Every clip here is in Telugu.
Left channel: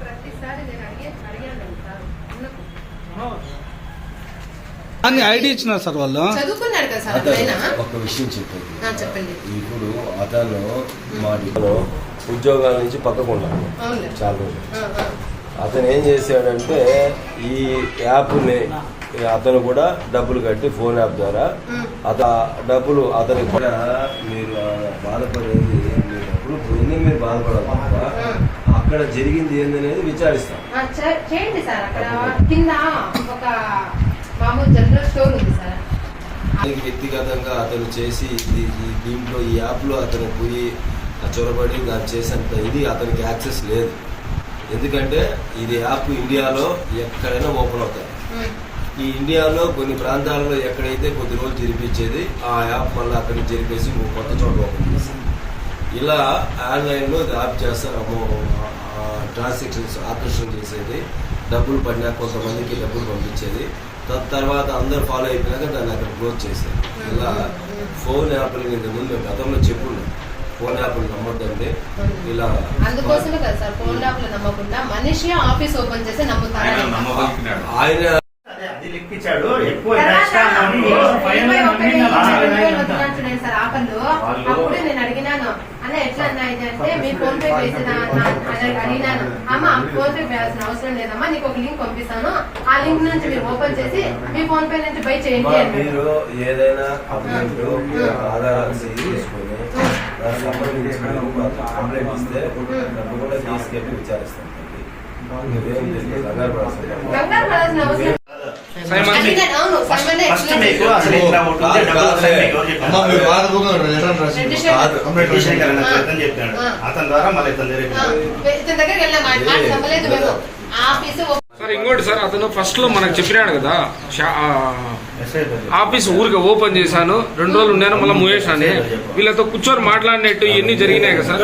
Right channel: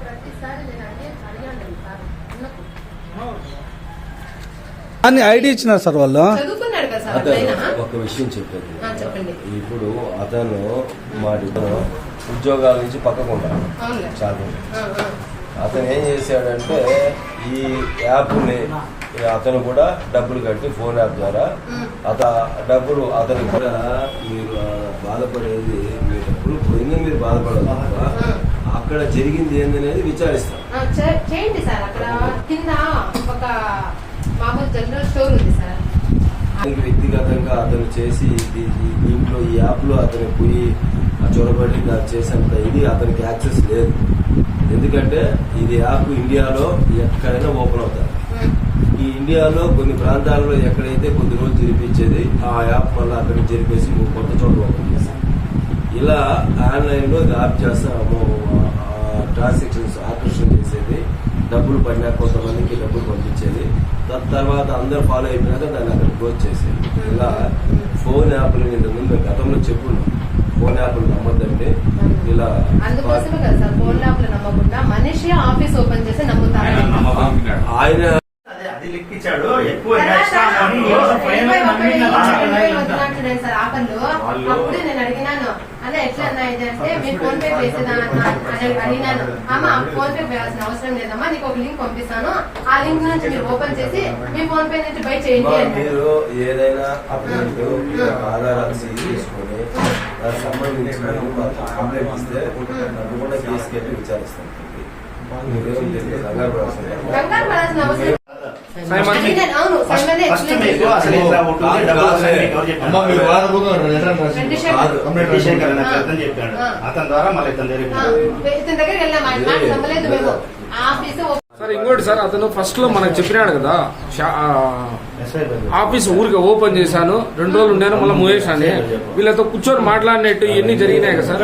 ప్రతిసారి నేను అడిగే అడిగాను సార్ ఉన్నప్పుడు అని ఐడి ఇచ్చినారు సార్ వాళ్ళు? చదువుకున్నాడు కదా సార్ అతను ఆయన ఒక విషయం చెప్పేది ఆ, చెప్పండి. ఇప్పుడు అతను మా ఉద్యోగాల నుంచి పక్కకు ఉన్నాడు. అవునులే. చాలా రోజులు. ఆ, ఆ. అతను ఏం చేశాడంటే ఈ యాప్ని అతను కూడా డబ్బులు కట్టి ఫోన్ యాప్ ద్వారా ఉమ్. అత డబ్బులు అతను కూడా మీరు బాధపడేది మీ డబ్బులు పోయింది మీరు బాధపడాలి తప్ప అక్కడ జరిగింది ఏందనేది విచారిస్తాం. చేయండి సార్. అక్కడ కింద ఒక మామూలు జనరల్ స్టోర్ ఉంది సార్. దానికి వ్యక్తిగతంగా అతను చేసి దీంట్లో ఈ యాప్లో అతను పోయి చొరబడి దాన్ని చేసేంత ఇది అతనికి యాక్సెస్ లేదు. ఎందుకంటే ఇది యాప్ ఇండియాలో ఎక్కడైనా ఓపెన్ అవుతాయి. ఈ ఇండియాలో కొన్ని ప్రాంతాలలో ఎక్కడైతే కొద్ది రోజులు జరిపించేది ఆ యాప్ మళ్ళీ అక్కడికి జరిపేసి కొత్త చోట ఓపెన్ చేస్తాం ఇలా ఆన్లైన్లో యాప్ చేస్తాము ట్రాన్సాక్షన్స్ ఆకర్షణ చేసేది. డబ్బులు పడినా కొంతమందికి డబ్బులు పంపించేది. తర్వాత అందరూ ఫాలో అయిపోయినాక దాన్ని అక్కడ క్లోజ్ చేసేది. ఇలా ఫోన్ యాప్లు ఇంతకు ముందు గతంలో చెప్పున్నాం. ఫోన్ యాప్లు నమ్మద్దండి ఇలా అందుకోసమే కదా సార్ ఫోన్ యాప్లు నమ్మకుండా మనిషి ఆఫీస్ ఓపెన్ చేసి నమ్ముతారు ఆయన అది లెక్కించాడు. ఎక్కువ ఎట్లా మీ ఫోన్ పే వేసేదా అన్న అని అడిగినాను. అమ్మ ఫోన్ పే వేయాల్సిన అవసరం లేదమ్మా నీకు ఒక లింక్ పంపిస్తాను. ఆ లింక్ నుంచి మీరు ఓపెన్ చేసి మీ ఫోన్ పే నుంచి బై చేయండి అమ్మా, అన్నాడు మీరు ఏదైనా అప్డేట్ ఆధారాలు తీసుకొని దానికి సంబంధించి మీరు మాకు కంప్లైంట్ ఇస్తే నన్ను కూడా తీసుకెళ్ళి విచారిస్తాం. నువ్వేం తెలియదు కంగారు పడాల్సిన కంగారు పడాల్సిన అవసరం అతను ద్వారా మళ్ళీ ఇతని సార్ ఇంకోటి సార్ అతను ఫస్ట్లో మనకు చెప్పినాడు కదా ఆఫీస్ ఊరికి ఓపెన్ చేశాను రెండు రోజులు ఉన్నాను మళ్ళీ మూయేశాను. వీళ్ళతో కూర్చొని మాట్లాడినట్టు ఇవన్నీ జరిగినాయి కదా సార్.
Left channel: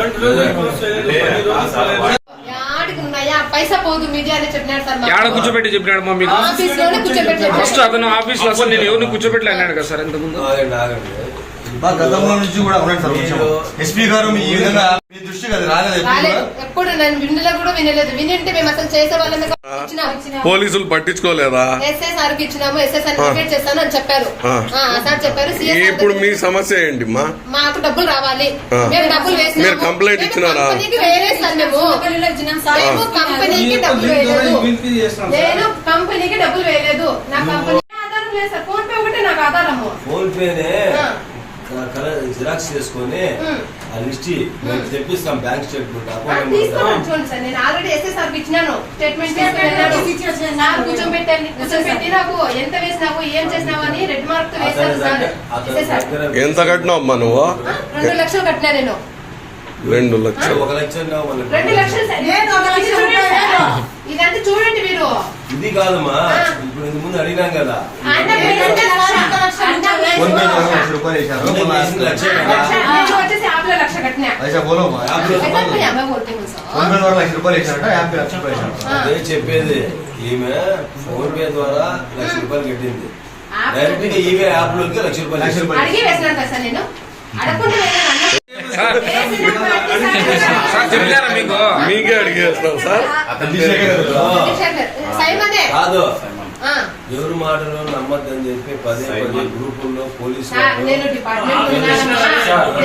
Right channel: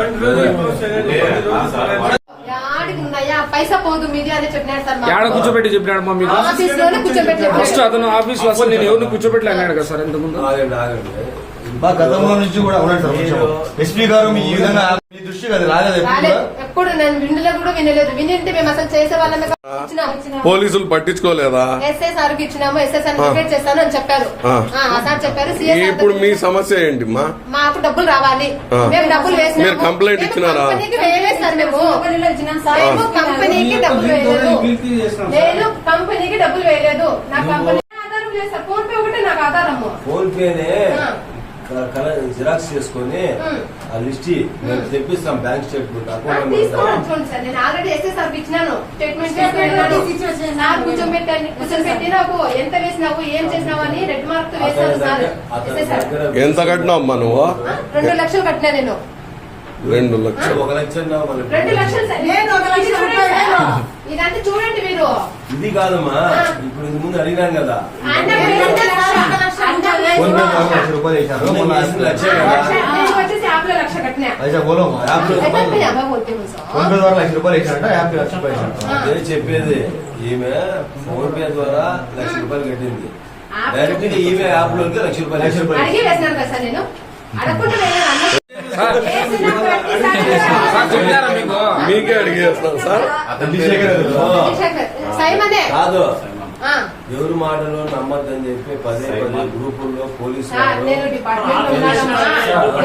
పైసా పోదు అని చెప్పినాడు సార్. ఏడ కూర్చోబెట్టి చెప్పినాడు మా మీకు ఆఫీస్లోనే కూర్చోబెట్టి చెప్పాడు. ఫస్ట్ అతను ఆఫీస్లో అసలు నేను ఎవరిని కూర్చోబెట్టలే అన్నాడు కదా సార్ ఇంతకుముందు ఆగండి ఆగండి మా గతంలో నుంచి కూడా ఉన్నాడు సార్ కొంచెం. ఎస్పీ గారు మీ ఈ విధంగా మీ దృష్టికి అది రాలేదు ఎప్పుడు రాలేదు. కూడా? ఎప్పుడు నేను విండులో కూడా వినలేదు. వినింటే మేము అసలు చేసే వాళ్ళమే కాదు. ఇచ్చినాం. పోలీసులు పట్టించుకోలేదా? ఎస్ఐ ఇచ్చినాము ఎస్ఐ సార్ చేస్తాను అని చెప్పారు. ఆ. ఆ, ఆ సార్ చెప్పారు సార్ ఇప్పుడు మీ సమస్య ఏంటి మా మాకు డబ్బులు రావాలి. ఆ. మేము డబ్బులు వేసినాము. మీరు కంప్లైంట్ మేము ఇచ్చినారా? కంపెనీకి వేయలేదు సార్ మేము. మేము కంపెనీకి డబ్బులు వేయలేదు. నేను కంపెనీకి డబ్బులు వేయలేదు. నా కంపెనీ ఆధారం లేదు సార్. ఫోన్ పే ఒకటే నాకు ఆధారము. ఫోన్ పేనే. జిరాక్స్ చేసుకొని. ఆ లిస్ట్ మేము తెప్పిస్తాం బ్యాంక్ స్టేట్మెంట్ అకౌంట్ సార్ నేను ఆల్రెడీ ఇచ్చినాను. స్టేట్మెంట్ కూర్చోబెట్టి నాకు ఎంత వేసినావు ఏం చేసినావు అని రెడ్ మార్క్ సార్. ఎంత కట్టినావు అమ్మా నువ్వు? రెండు లక్షలు కట్టినా నేను. రెండు లక్షలు. ఒక లక్ష. రెండు లక్షలు. ఇదంతా చూడండి మీరు. ఇది కాదమ్మా. ఇప్పుడు ఇంత ముందు అడిగినాం కదా. ఫోన్ పే వేసినా. చేసి లక్ష రూపాయలు వేశారు. అందరికి వేసిన లక్షే ఆ, కదా లక్ష. నేను వచ్చేసి యాప్ లో లక్ష కట్టినా ऐसा बोलो माँ। యాప్ లో అయితే అప్పుడు యాభై కొట్టే ఫోన్ పే ద్వారా లక్ష రూపాయలు వేశారట యాప్ లక్ష రూపాయలు వేశారట. ఆ. అదే చెప్పేది ఈమె ఫోన్ పే ద్వారా లక్ష రూపాయలు కట్టింది డైరెక్ట్ గా ఈమె యాప్ లోకి లక్ష రూపాయలు లక్ష రూపాయలు. అడిగి వేసినాను కదా సార్ నేను అడగకుండా వేయలేదు అన్న. సార్ వేసిన ప్రతిసారి సార్ చెప్పారా మీకు మీకే అడిగేస్తున్నాం సార్ అభిషేక్ గారు. చంద్రశేఖర్, సైమనే కాదు ఆ. ఎవరు మాటలు నమ్మద్దని చెప్పి పదే పదే గ్రూపుల్లో పోలీసు సార్, వాళ్ళు నేను డిపార్ట్మెంట్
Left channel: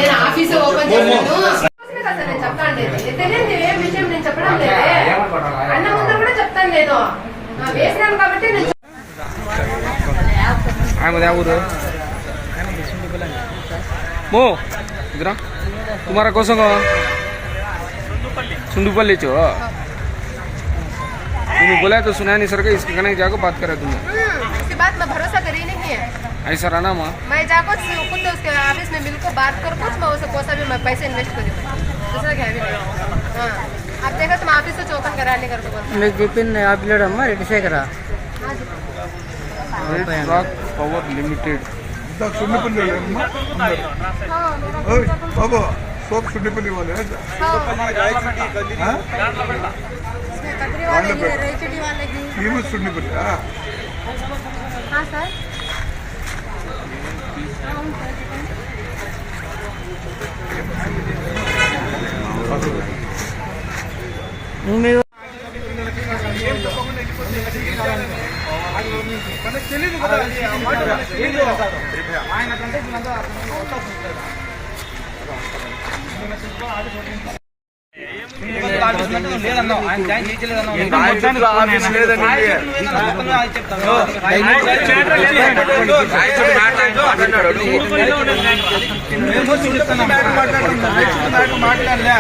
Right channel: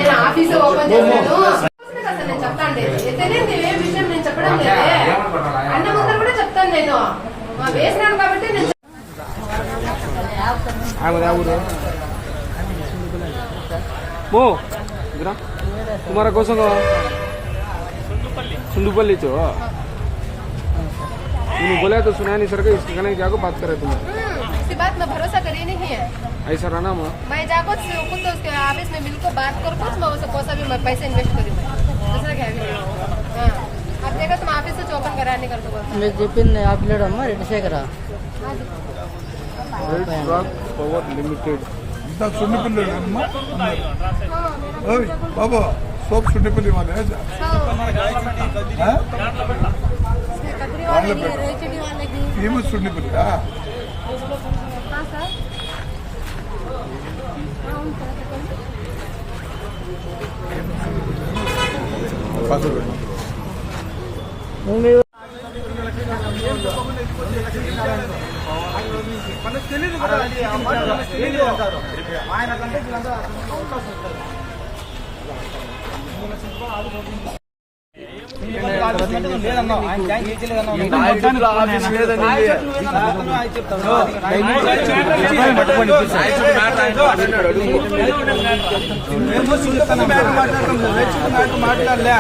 तुम बोला तो सुना नहीं सर के इसके कने जाको बात करे तुम इसके हम्म, बात मैं भरोसा करी नहीं है। ऐसा रहना मैं मैं जाको खुद उसके ऑफ़िस में मिलकर बात कर कुछ मैं उसे पैसा भी मैं पैसे इन्वेस्ट करी हाँ। आप दूसरा देखो तुम ऑफ़िस से चौकन कराने कर दो मैं जिपिन ने आप लड़ा मैं रेडी से करा लिमिटेड। बाबा सब सुनने पे ले वाले हाँ, हाँ, हैं। మీరు మనకు తెలియదు కదా అది ఆ మాట మనకు తెలియదు ఆయన కంటే వీళ్ళంతా అతను అవుతా మేము చూడుతున్న మ్యాటర్ మాట్లాడుతున్నాం రైతు మ్యాటర్ మాట్లాడలే.